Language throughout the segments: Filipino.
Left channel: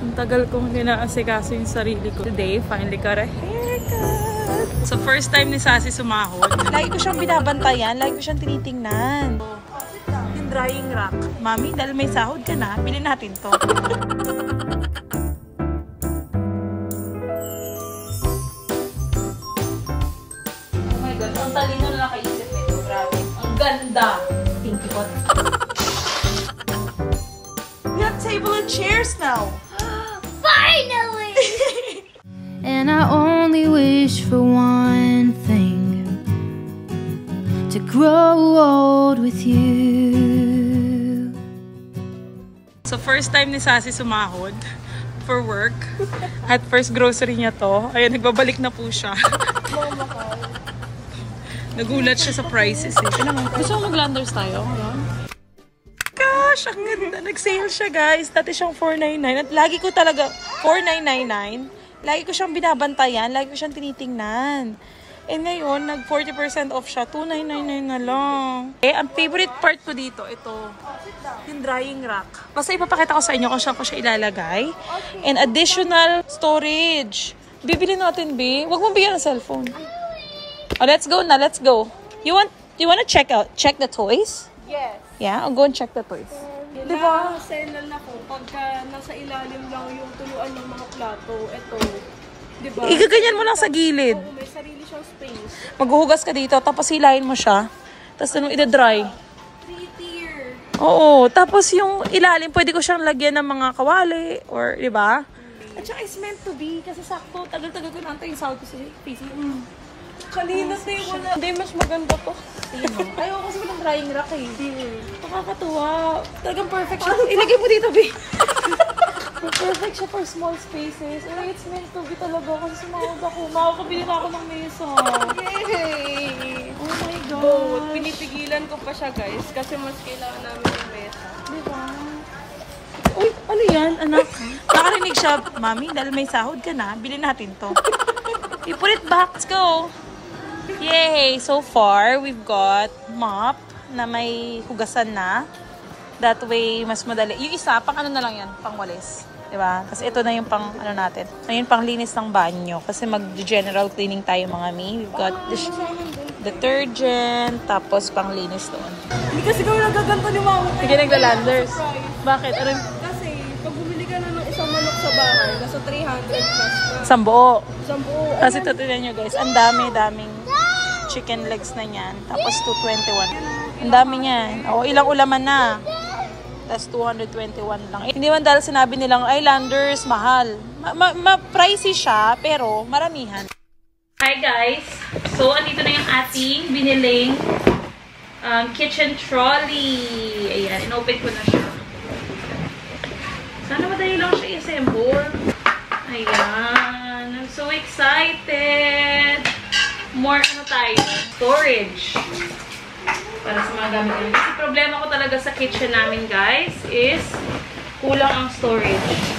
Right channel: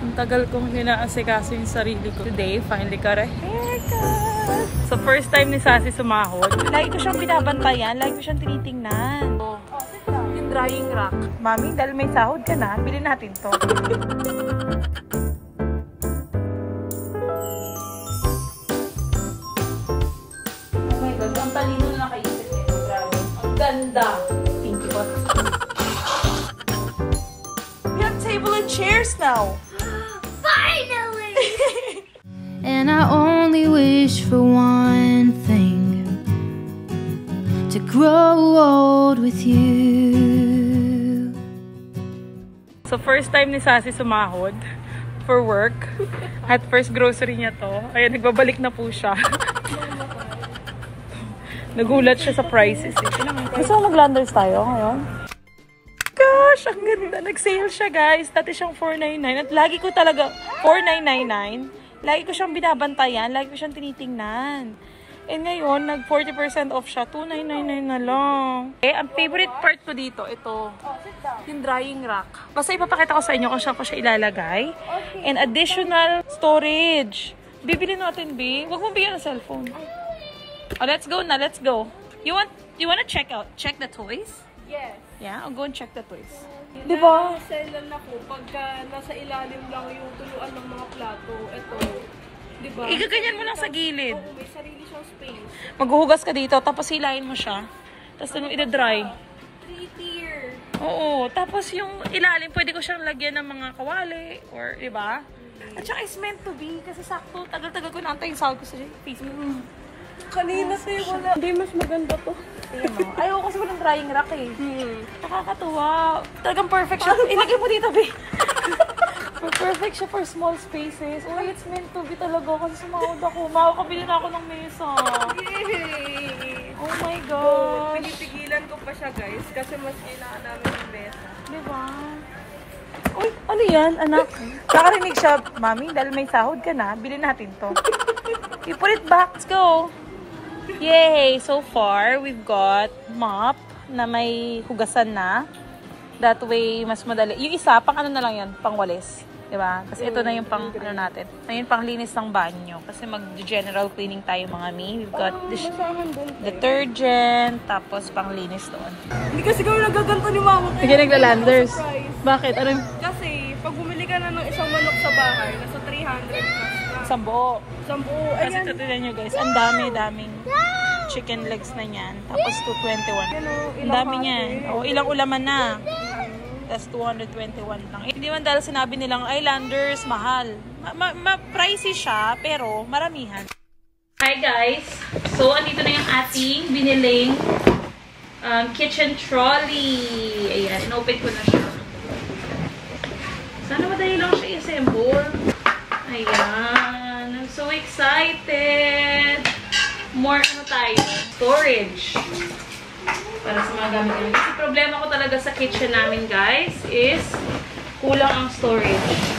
Ang tagal kong ninaasikaso yung sarili ko. Today, finally got a haircut! So, first time ni Sassy sumahod. Lagi ko siyang binabantayan. Lagi ko siyang tinitingnan. Yung drying rack. Mami, dahil may sahod ka na, bilhin natin to. Oh my God, ang talino na nakaisip nito. Grabe. Ang ganda. Thank you. We have table and chairs now. Finally! And I only wish for one thing, to grow old with you. So first time ni Sassy sumahod for work. At first grocery niya to. Ayun, nagbabalik na po siya. Nagulat siya sa prices eh. Gusto mo mag-landers tayo ngayon? Gosh, ang ganda. Nag-sale siya, guys. Dati siyang $499. At lagi ko talaga, $4,999. Lagi ko siyang binabantayan. Lagi ko siyang tinitingnan. And ngayon, nag 40% off siya. $2,999 na lang. Eh, ang favorite part ko dito, ito. Yung drying rack. Basta ipapakita ko sa inyo kung saan ko siya ilalagay. And additional storage. Bibili natin, B. Huwag mo bigyan ng cellphone. Oh, let's go na. Let's go. You want to check the toys? Yes. Yeah, I'll go and check the toys. Diba? Nasa na po, pagka nasa ilalim lang yung tuyuan ng mga plato, ito, diba? Igaganyan mo lang sa gilid. Oo, may sarili siyang space. Maghuhugas ka dito, tapos hilahin mo siya. Tapos ano, ida-dry. 3-tier. Oo, tapos yung ilalim, pwede ko siyang lagyan ng mga kawali, or, diba? At saka it's meant to be, kasi sakto, tagal-tagal ko naantay yung sahod ko sa PC. Kanina sa'yo ko na, hindi mas maganda to. Ayaw kasi mag-drying rack eh. Nakakatuwa. Talagang perfect siya. Ilagay mo dito, B. Perfect siya for small spaces. Ay, it's meant to be talaga. Kasi sumahod ako. Makakabili na ako ng mesa. Yay! Oh my God. Pinipigilan ko pa siya, guys, kasi mas kailangan namin ng mesa. Diba? Uy, ano yan, anak? Nakarinig siya, Mami, dahil may sahod ka na, bilhin natin to. You put it back. Let's go. Yay! So far, we've got mop na may hugasan na. That way, mas madali. Yung isa, pang ano na lang yan, pang walis. Diba? Kasi ito na yung pang ano natin. Ayun, pang linis ng banyo. Kasi mag-general cleaning tayo mga mi. We've got detergent, tapos pang linis doon. Hindi kasi kami nagaganto ni Mama. Sige, nagla-landers. Bakit? Kasi, pag bumili ka na ng isang manok sa bahay, nasa 300 plus na. Isang buo. Isang buo. Kasi tutunan nyo guys, ang daming chicken legs na yan. Tapos 221. Ang dami niyan. O, ilang ulaman na. Tapos 221 lang. Hindi man dahil sinabi nilang, ay, landers, mahal. Pricey siya, pero maramihan. Hi guys! So, andito na yung ating biniling kitchen trolley. Ayan, inopen ko na siya. Sana madali lang siya i-assemble. Ayan. I'm so excited! More ano tayo? Storage. Para sa mga gamit namin. Kasi problema ko talaga sa kitchen namin, guys, is kulang ang storage.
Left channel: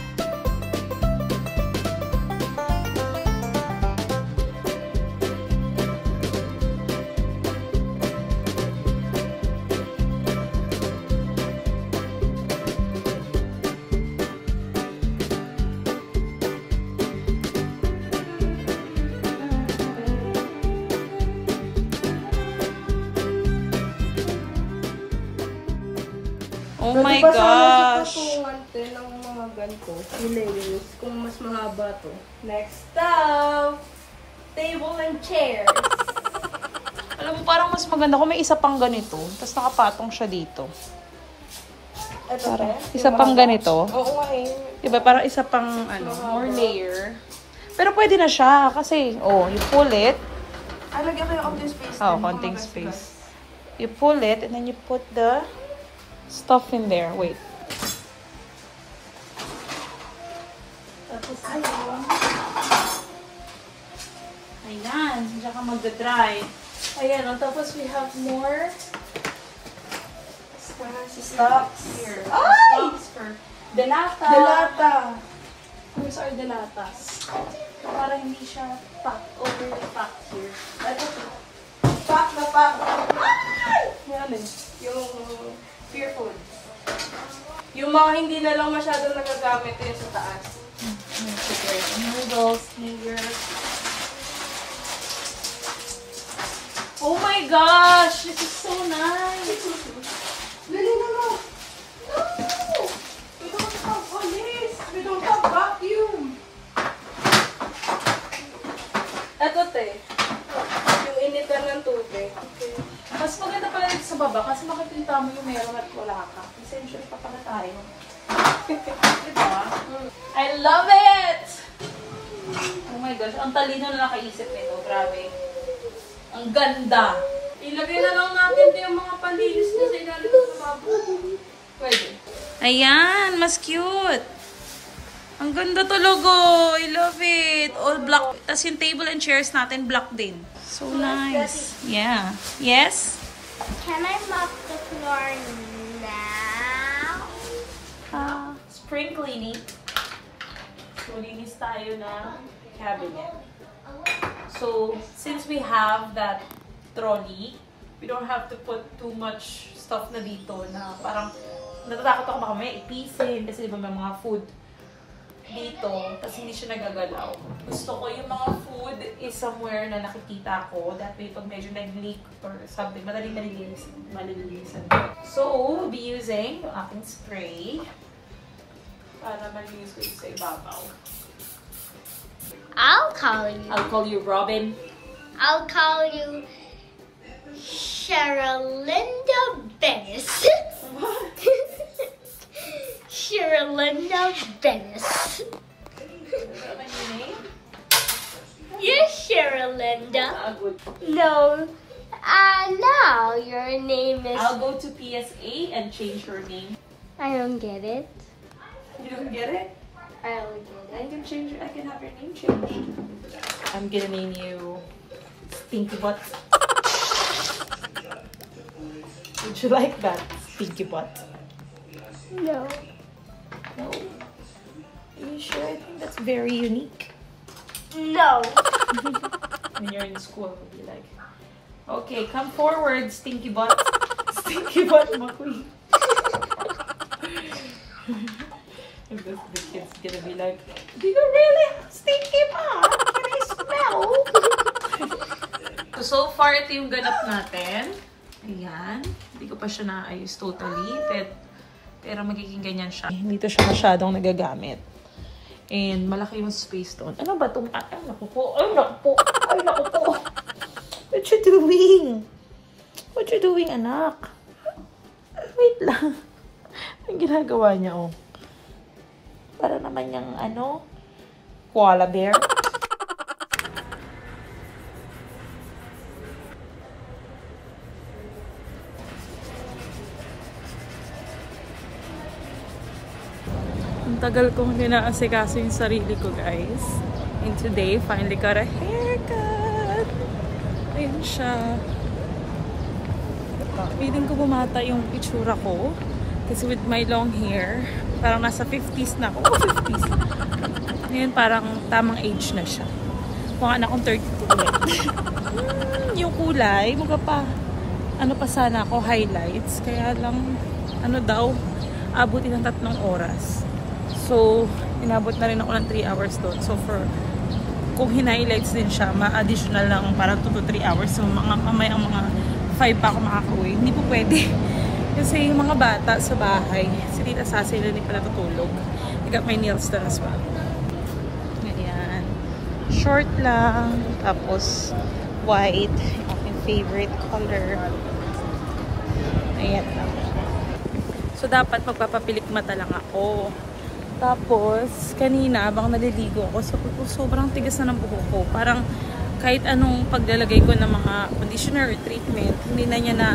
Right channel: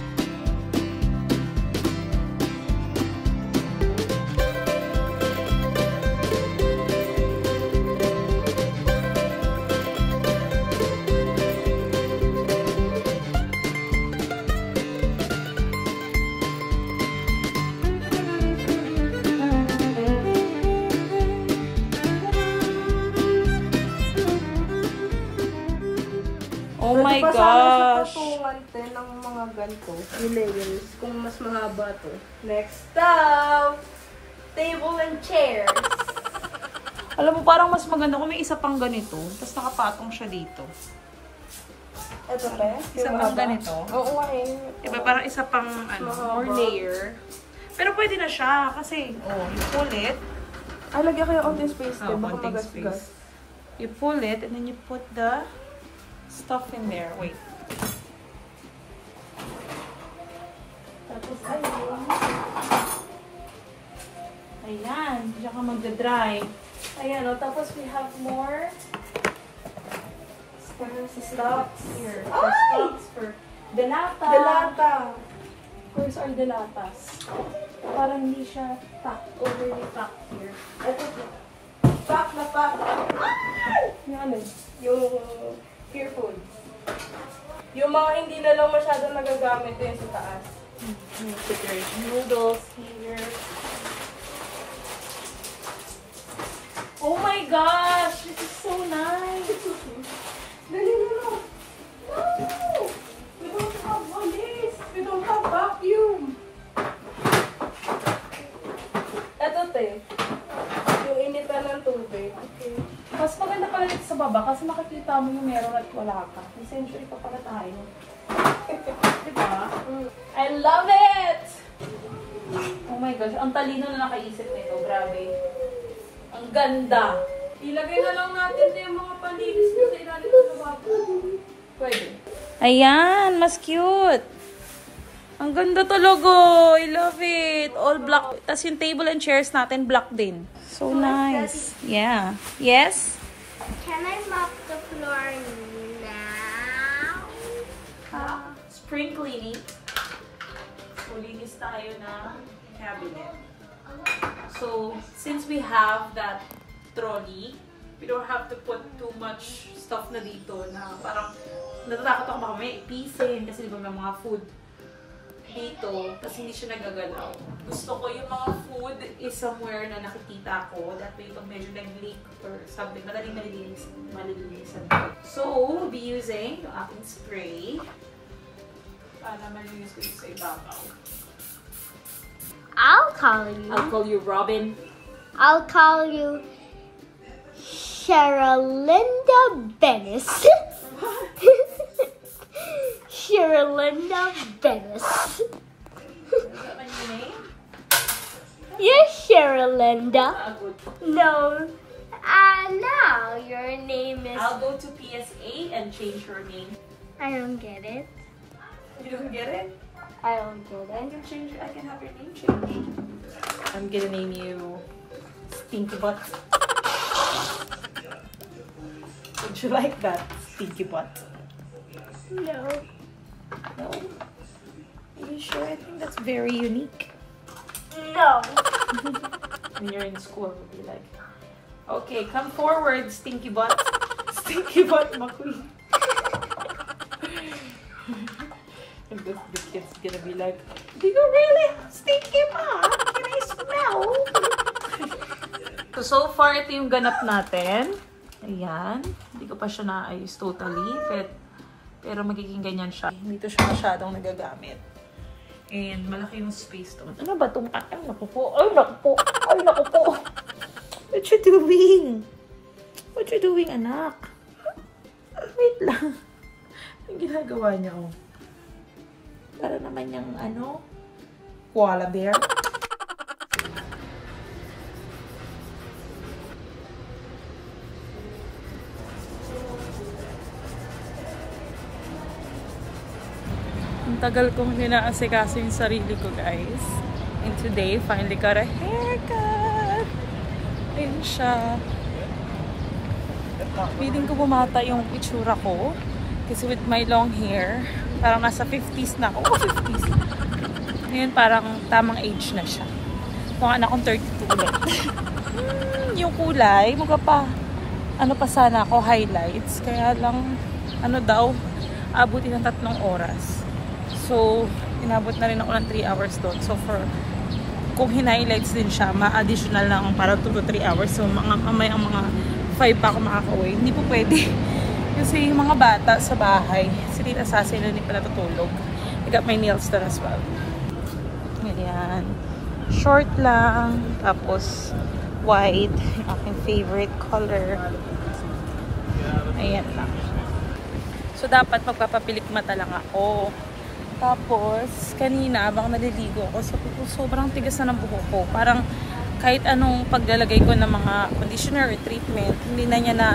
Oh my gosh! Patuwan ng mga ganito, yung layers, kung mas mahaba to. Next up, table and chairs. Alam mo, parang mas maganda kung may isa pang ganito, tapos nakapatong siya dito. Parang isa pang ganito. Oo eh. Diba? Parang isa pang, ano, more layer. Pero pwede na siya, kasi, oh, you pull it. Ay, lagyan ko yung konting space. Oh, konting space. You pull it, and then you put the stuff in there. Wait. Tapos ayun. Ayan. Diyan ka magdadry. Ayan. O, tapos we have more stocks here. Stocks for delata. Delata. Where's our delatas? Para hindi siya packed. Overly packed here. Ito po. Pack na pack. Ano? Yung fearful. Yung mga hindi na lang masyadong nagagamit yan sa taas. candles here. Oh my gosh! This is so nice! Dali na mo. No! We don't have this. We don't have vacuum. Ito, te. Yung initan ng tubig. Okay. Mas maganda pala dito sa baba kasi makikita mo yung meron at wala ka. Essentially pa pala tayo. Diba? I love it! Oh my gosh, ang talino na nakaisip nito. Grabe. Ang ganda. Ilagay na lang natin yung mga palinis na sa ilalim sa baba. Pwede. Ayan, mas cute. Ang ganda talaga. I love it. All black. Tapos yung table and chairs natin, black din. So nice. Yeah. Yes? Can I mop the floor now? Spring cleaning. So, linis tayo na cabinet. So, since we have that trolley, we don't have to put too much stuff na dito na parang natatakot ako baka may ipisin kasi diba may mga food dito, tapos hindi siya nagagalaw. Gusto ko yung mga food is somewhere na nakikita ko. That way, pag medyo nag-leak or something, madaling malilinisan ko. So, we'll be using yung aking spray para malinis ko sa ibabaw. I'll call you. I'll call you Robin. I'll call you Sheralinda Venice. Sheralinda Venice. Is that my new name? Yes, Sheralinda. Good. No. Now your name is... I'll go to PSA and change your name. I don't get it. You don't get it? I don't get I it. can change. I can have your name changed. I'm gonna name you Stinky Butt. Would you like that, Stinky Butt? No. No. Are you sure? I think that's very unique. No. When you're in school, you'll be like, okay, come forward, Stinky Butt. Stinky Butt McQueen. And the kid's gonna be like, do you really have stinky butt? Can I smell? So far, ito yung ganap natin. Ayan. Hindi ko pa siya naayos totally. Pero magiging ganyan siya. Dito siya masyadong nagagamit. And malaki yung space doon. Ano ba itong... Ay, naku po. Ay, naku po. Ay, naku po. What you doing? What you doing, anak? Wait lang. Ang ginagawa niya, oh. Para naman yung, ano, koala bear. Ang tagal kong hindi naasikaso yung sarili ko, guys. And today, finally got a haircut. Ayan siya. Feeling ko bumata yung itsura ko. Kasi with my long hair, parang nasa 50s na ako. 50s. Ngayon parang tamang age na siya. Mukha na akong 32 ulit. Yung kulay, mukha pa, ano pa sana ako, highlights. Kaya lang, ano daw, abutin ng 3 oras. So, inabot na rin ako ng 3 hours doon. So, kung hinighlights din siya, ma-additional lang parang 2 to 3 hours. So, mamaya ang mga 5 pa ako makaka-uwi. Hindi po pwede. Kasi yung mga bata sa bahay, si Tita Sassy na hindi pala tutulog. I got my nails done as well. Ayan. Short lang. Tapos, white. Yung aking favorite color. Ayan lang. So, dapat magpapapilik mata lang ako. Tapos, kanina, abang naliligo ako, sobrang tigas na ng buhok ko. Parang, kahit anong paglalagay ko ng mga conditioner or treatment, hindi na niya na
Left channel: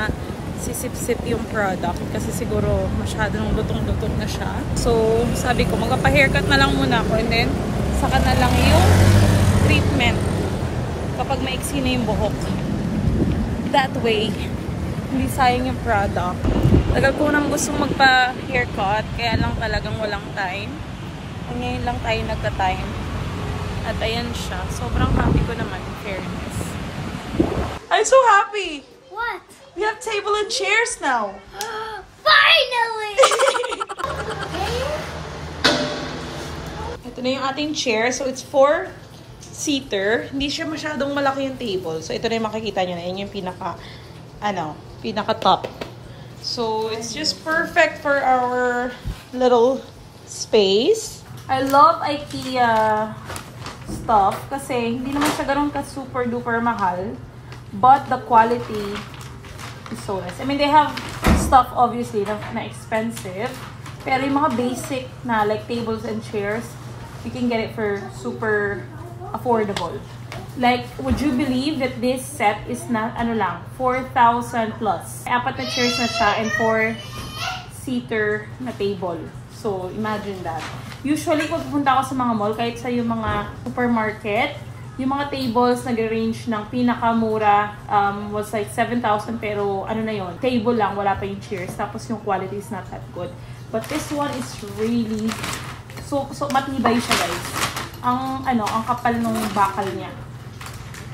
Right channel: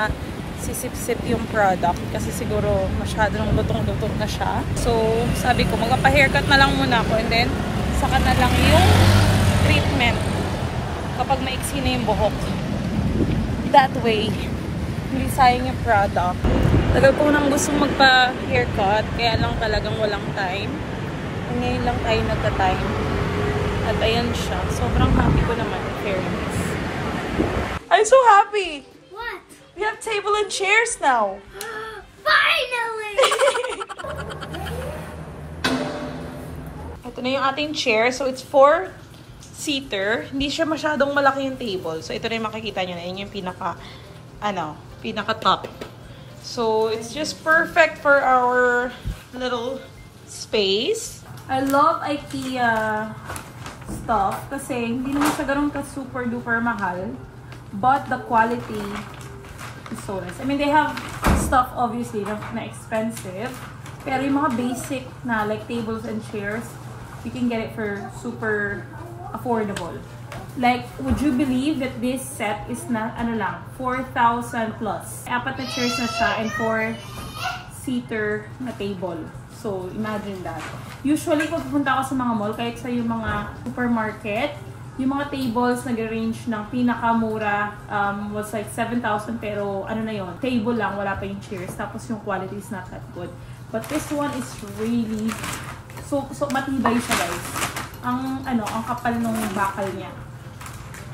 sisip-sip yung product kasi siguro masyado nang lutong-lutong na siya. So, sabi ko, magpapa-haircut na lang muna ako and then, saka na lang yung treatment kapag maiksi na yung buhok. That way, hindi sayang yung product. Tagal ko nang gustong magpa-haircut, kaya lang talagang walang time. And ngayon lang tayo nagka-time. At ayan siya. Sobrang happy ko naman, in fairness. I'm so happy! What? We have table and chairs now. Finally! Ito Ito na yung ating chair. So, it's 4-seater. Hindi siya masyadong malaki yung table. So, ito na yung makikita nyo na. Yun yung pinaka-top. So, it's just perfect for our little space. I love IKEA stuff kasi hindi naman siya ganun ka super duper mahal, but the quality is so nice. I mean, they have stuff obviously na expensive, pero yung mga basic na like tables and chairs, you can get it for super affordable. Like, would you believe that this set is na ano lang, 4,000 plus. 4 na chairs na siya and 4-seater na table. So, imagine that. Usually, kung pupunta ako sa mga mall, kahit sa yung mga supermarket, yung mga tables nag-range ng pinakamura was like 7,000, pero ano na yon, table lang, wala pa yung chairs. Tapos yung quality is not that good. But this one is really, so matibay siya, guys. Ang kapal nung bakal niya.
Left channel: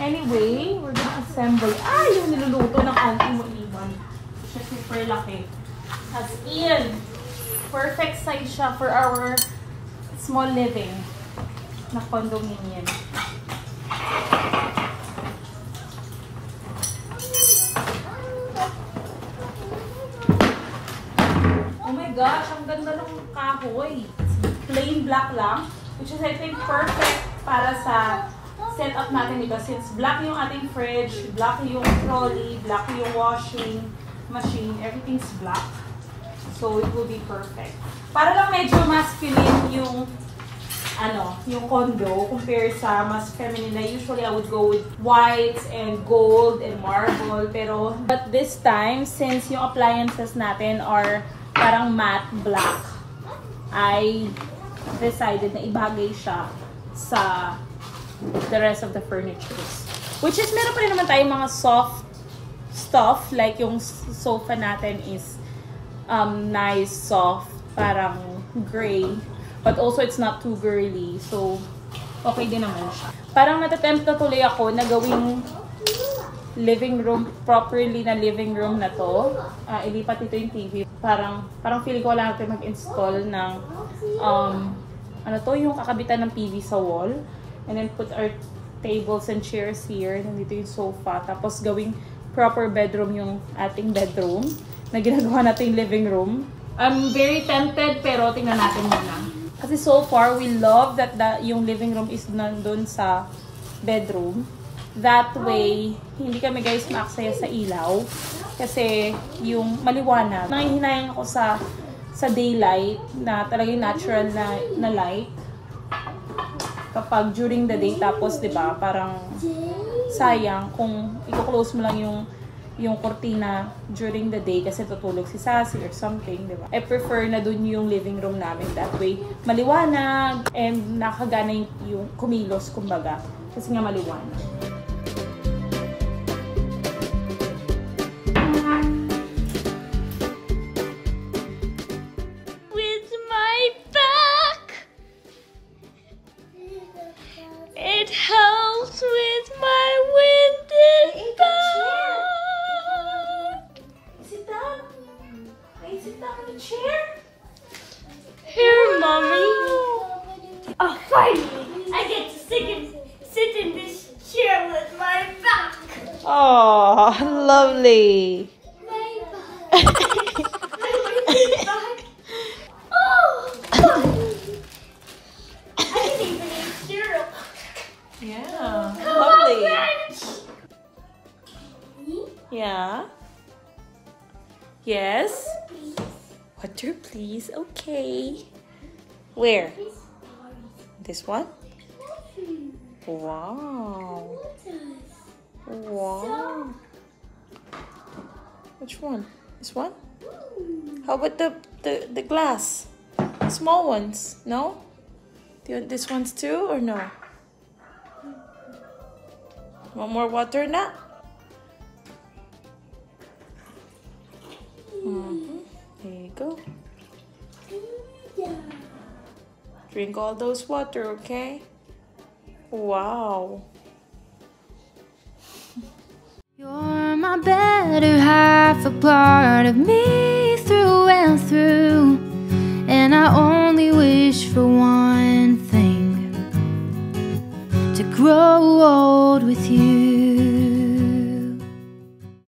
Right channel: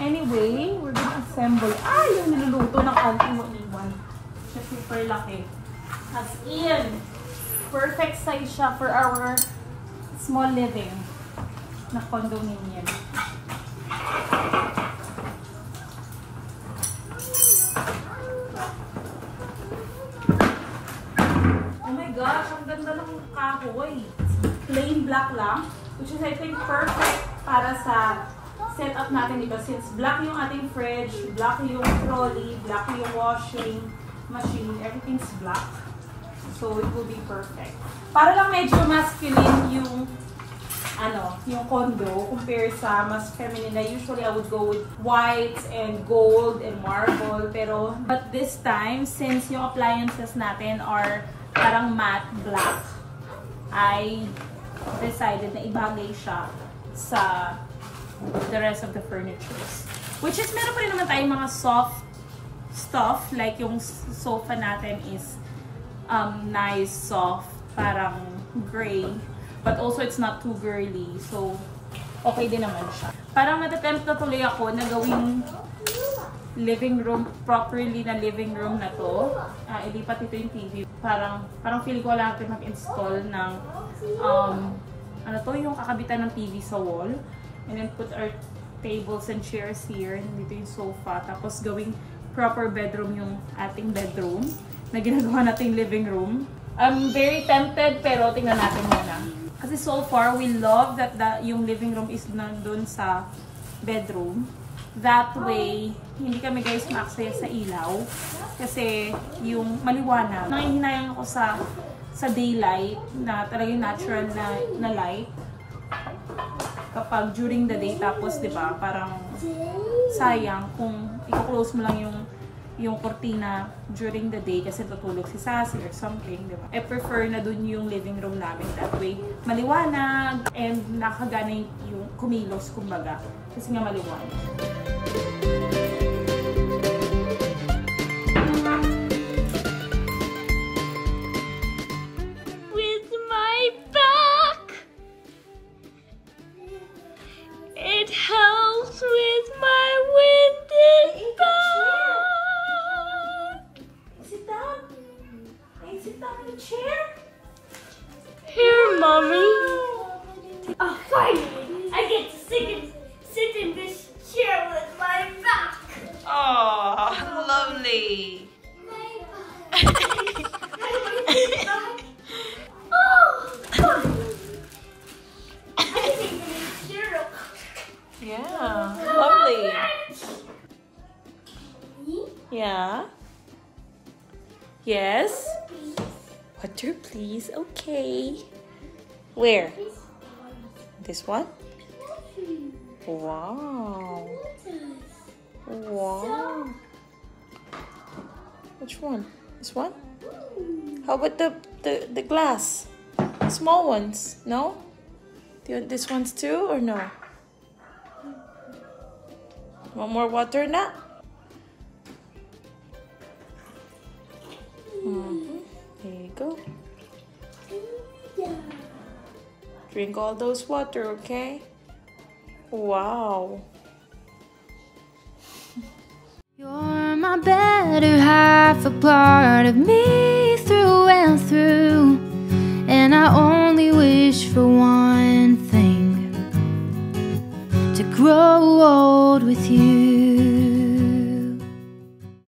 Anyway, we're gonna assemble. Yung niluluto ng auntie mo iwan. Siya super laki. As in, perfect size siya for our small living na condominium. Oh my gosh, ang ganda ng kahoy. Plain black lang, which is I think perfect para sa setup natin, diba? Since black yung ating fridge, black yung trolley, black yung washing machine, everything's black. So, it will be perfect. Para lang medyo masculine yung yung condo compared sa mas feminine. Usually, I would go with whites and gold and marble. But this time, since yung appliances natin are parang matte black, I decided na ibagay siya sa the rest of the furnitures. Which is, meron pa rin naman tayong mga soft stuff. Like yung sofa natin is nice, soft, parang gray, but also it's not too girly, so okay din naman siya. Parang natatempt na tuloy ako na gawing living room, properly na living room na to. Ilipat ito yung TV. Parang feeling ko wala natin mag-install ng yung kakabitan ng TV sa wall, and then put our tables and chairs here. Nandito yung sofa, tapos gawing proper bedroom yung ating bedroom na ginagawa natin yung living room. I'm very tempted, pero tingnan natin muna. Kasi so far, we love that yung living room is nandun sa bedroom. That way, hindi kami guys maaksaya sa ilaw. Kasi yung maliwanag. Nangihinayang ako sa daylight, na talagang natural na light. Kapag during the day, tapos diba, parang sayang kung i-close mo lang yung kortina during the day kasi tutulog si Sassy or something, diba? I prefer na dun yung living room namin. That way, maliwanag and nakagana yung kumilos, kumbaga. Kasi nga maliwanag. With my back, it helps with my winded back. Sit down in the chair. Here, Mommy. Oh, finally, I get to sit in this chair with my back. Oh, lovely. My back. Oh, I can even eat syrup. Yeah, lovely. Yeah. Yes. Water, please. Okay. Where? This one? Wow. Wow. Which one? This one? How about the glass? Small ones? No? Do you want this ones too or no? Want more water na? There you go. Drink all those water, okay? Wow. You're my better half, a part of me through and through. And I only wish for one thing, to grow old with you.